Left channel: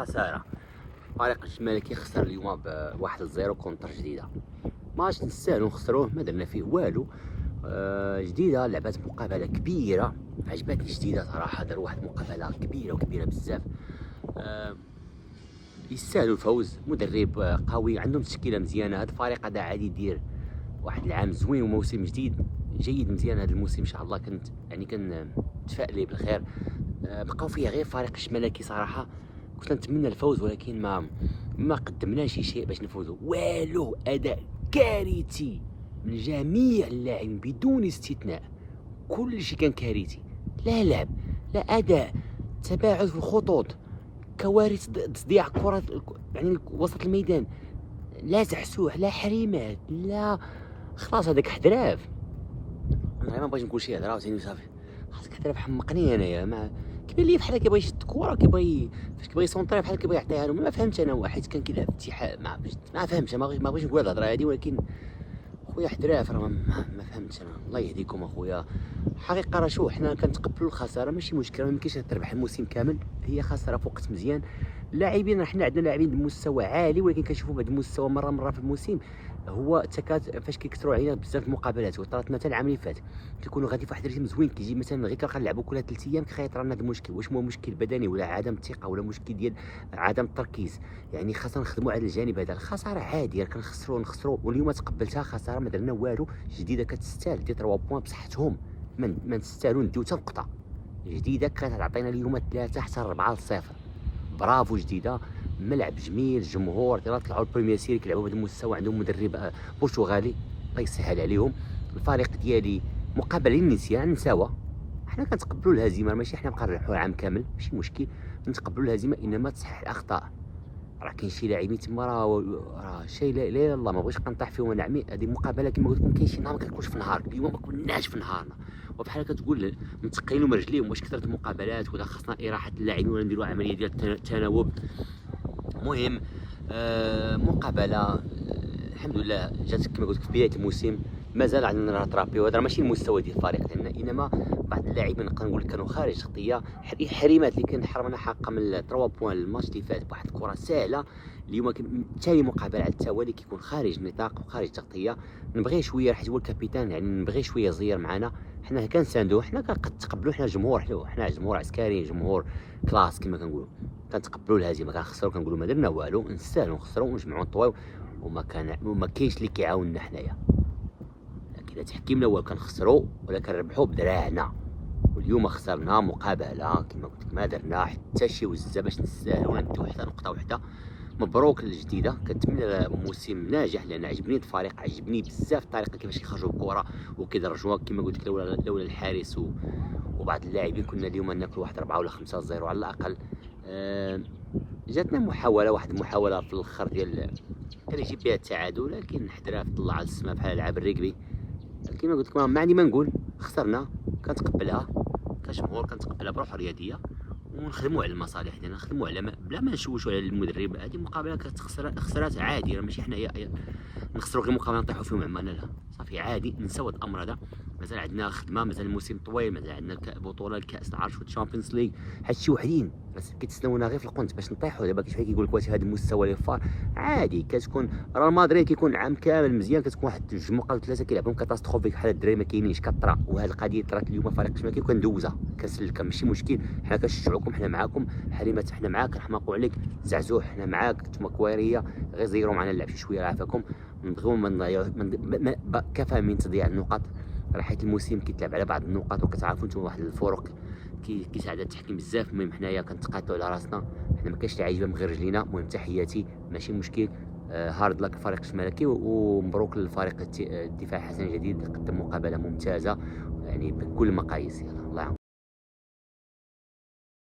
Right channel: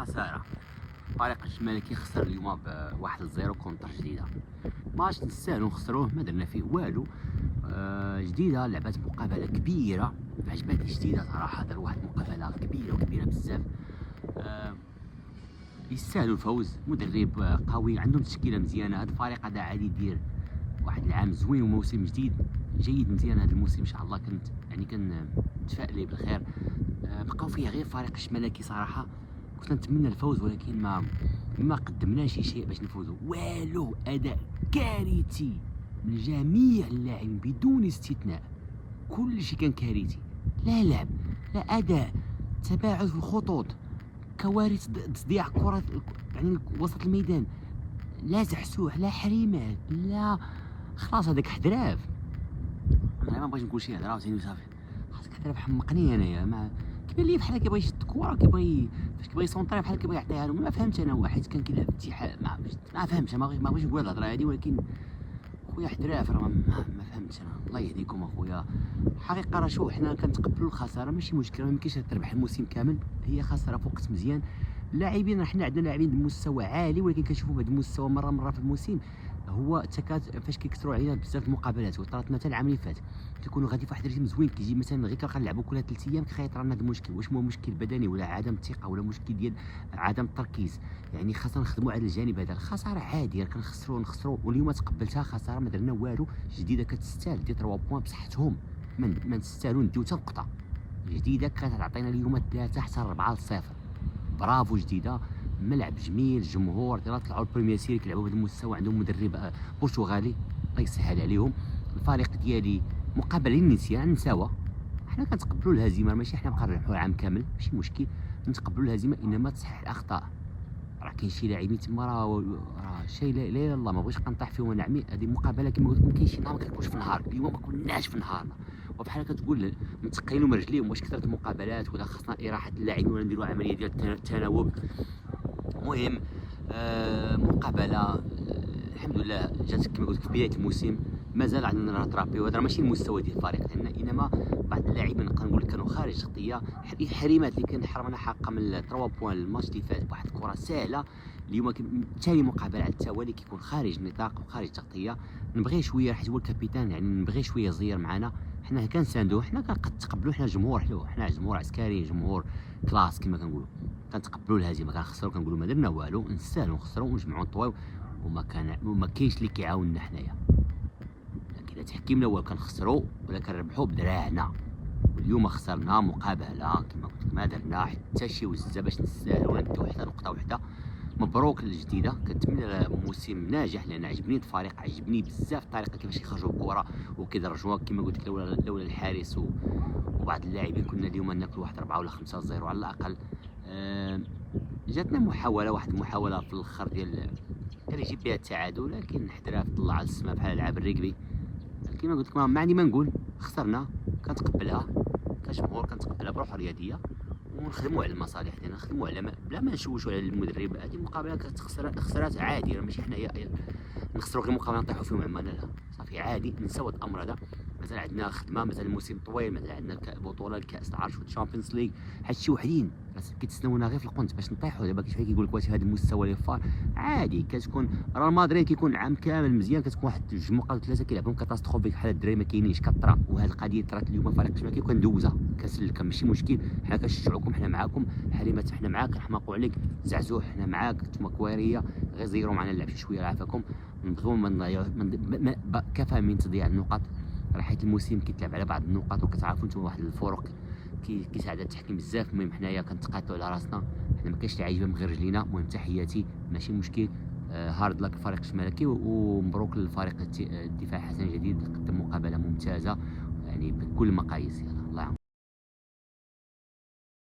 خسارة. فريق الشمالكي خسر اليوم ب1-0 كونتر جديدة. ماتش نستاهلو نخسروه، ما درنا فيه والو. جديدة لعبات مقابلة كبيرة، عجبتني جديدة صراحة، دار واحد المقابلة كبيرة وكبيرة بزاف. يستاهلوا الفوز، مدرب قوي، عندهم تشكيلة مزيانة. هذا الفريق هذا عادي يدير واحد العام زوين وموسم جيد مزيان. هذا الموسم ان شاء الله كنت متفائل بالخير. بقاو فيها غير فريق الشمالكي صراحه، كنت نتمنى الفوز ولكن ما قدمناش شيء باش نفوزوا. والو، اداء كارثي من جميع اللاعبين بدون استثناء، كل شيء كان كارثي. لا لعب، لا اداء، تباعد في الخطوط، كوارث، تضييع كرة يعني وسط الميدان، لا زحسوح، لا حريمات، لا خلاص هذاك حدراف. انا ما بغيتش نقول شي هضره عاوتاني صافي، خاصك حدراف. حمقني انايا، ما كيبان لي بحال كيبغي يشد الكره، فاش كيبغي يسونطري بحال كيبغي يعطيها لهم. ما فهمتش انا، واحد كان كيلعب اتحاد، ما فهمتش. ما بغيتش نقول الهضره هذه، ولكن خويا حدراف راه ما فهمتش انا. الله يهديكم اخويا. الحقيقه راه شو، حنا كنتقبلوا الخساره، ماشي مشكل، ما يمكنش تربح الموسم كامل، هي خساره في وقت مزيان. اللاعبين حنا عندنا لاعبين بمستوى عالي، ولكن كنشوفوا بعض المستوى مره في الموسم هو فاش كيكثروا علينا بزاف المقابلات. وطرات مثلا العام اللي فات كيكونوا غادي في واحد الريتم زوين، كيجي مثلا غير كنلعبوا كل 3 ايام كيخيط رانا هذا المشكل. واش هو مشكل بدني ولا عدم الثقه ولا مشكل ديال عدم التركيز؟ يعني خاصنا نخدموا على الجانب هذا. الخساره عاديه، كنخسروا واليوم تقبلتها خساره، ما درنا والو. جديده كتستاهل دي 3 بوان بصحتهم، ما نستاهلوا نديو حتى نقطه. جديده كتعطينا اليوم 3 حتى 4-0. برافو جديده، ملعب جميل، جمهور طلعوا البريمير سيري كيلعبوا بهذا المستوى، عندهم مدرب برتغالي الله يسهل عليهم. الفريق ديالي مقابله للنسيان، نساوه. حنا كنتقبلوا الهزيمه، ماشي حنا بقى نربحوا العام كامل، ماشي مشكل نتقبلوا الهزيمه، انما تصحيح الاخطاء. راه كاين شي لاعبين تما راه شي لا اله الا الله، ما بغيتش كنطيح فيهم انا عمي. هذه مقابله كما قلت لكم، كاين شي نهار ما كنكونش في نهار، اليوم ما كناش في نهارنا، وبحال كتقول متقيلوا من رجليهم. واش كثرت المقابلات ولا خاصنا اراحه اللاعبين ولا نديروا عمليه ديال التناوب؟ المهم مقابله الحمد لله جات كما قلت في بدايه الموسم. مازال عندنا نراترابي، وهذا ماشي المستوى ديال الفريق ديالنا، انما بعض اللاعبين نقدر نقول كانوا خارج تغطيه. حريمات اللي كان حرمنا حقا من 3 بوان الماتش اللي فات بواحد الكره سهله. اليوم ثاني مقابله على التوالي كيكون خارج النطاق وخارج تغطيه. نبغي شويه حيت هو الكابيتان، يعني نبغي شويه زير معنا. حنا كنساندوه، حنا كنتقبلوا، حنا جمهور، حنا جمهور عسكري، جمهور كلاس كما كنقولوا. كنتقبلوا الهزيمه، كنخسروا كنقولوا ما درنا والو، نستاهلوا نخسروا ونجمعوا نطويو، وما كاينش اللي كيعاوننا حنايا. كذا تحكيمنا هو كنخسروا ولا كنربحوا بدراعنا. واليوم خسرنا مقابله كما قلت لك، ما درنا حتى شي وزه باش نستاهلوا نديو حتى نقطه وحده. مبروك للجديده، كنتمنى موسم ناجح، لان عجبني الفريق، عجبني بزاف الطريقه كيفاش كيخرجوا الكره وكيدرجوها. كما قلت لك لولا الحارس وبعض اللاعبين كنا اليوم ناكلوا واحد 4 ولا 5-0 على الاقل. جاتنا واحد المحاوله في الاخر ديال كان يجيب بها التعادل، لكن حدراف طلع على السما بحال لعب الريكبي. كما قلت لكم ما عندي ما نقول، خسرنا كنتقبلها كجمهور، كنتقبلها بروح رياضيه، ونخدموا على المصالح ديالنا، نخدموا على بلا ما نشوشوا على المدرب. هذه مقابله خسرات عادي، ماشي حنايا نخسروا غير مقابله نطيحوا فيهم عمالنا، لا صافي عادي نساو الامر هذا. مازال عندنا خدمه، مازال الموسم طويل، مازال عندنا بطوله الكاس العرش والتشامبيونز ليغ، هادشي وحدين بس كيتسناونا غير في القنت باش نطيحوا. دابا كيفاش كيقول لك واش هذا المستوى اللي فار عادي. كتكون راه مدريد كيكون عام كامل مزيان، كتكون واحد 2 مقابلات 3 كيلعبهم كاتاستروفيك بحال الدراري ما كاينينش كطرا. وهذه القضيه طرات اليوم فريق الشمالي كندوزها كنسلكها، ماشي مشكل. حنا كنشجعوكم، حنا معاكم. حليمات حنا معاك، نحماقوا عليك. زعزوح حنا معاك، نتوما كواريه غير زيروا معنا اللعب شويه عافاكم. نبغيو ما نضيعوا، كفى من تضييع النقط. راه حيت الموسم كيتلعب على بعض النقاط، وكتعرفوا نتوما واحد الفروق كيساعد التحكيم بزاف. المهم حنايا كنتقاتلوا على راسنا، حنا ما كاينش اللي عايجبه من غير رجلينا. المهم تحياتي، ماشي مشكل. هارد لك الفريق الشمالكي، ومبروك للفريق الدفاع حسن جديد، قدم مقابله ممتازه يعني بكل المقاييس. يلا الله يعاون.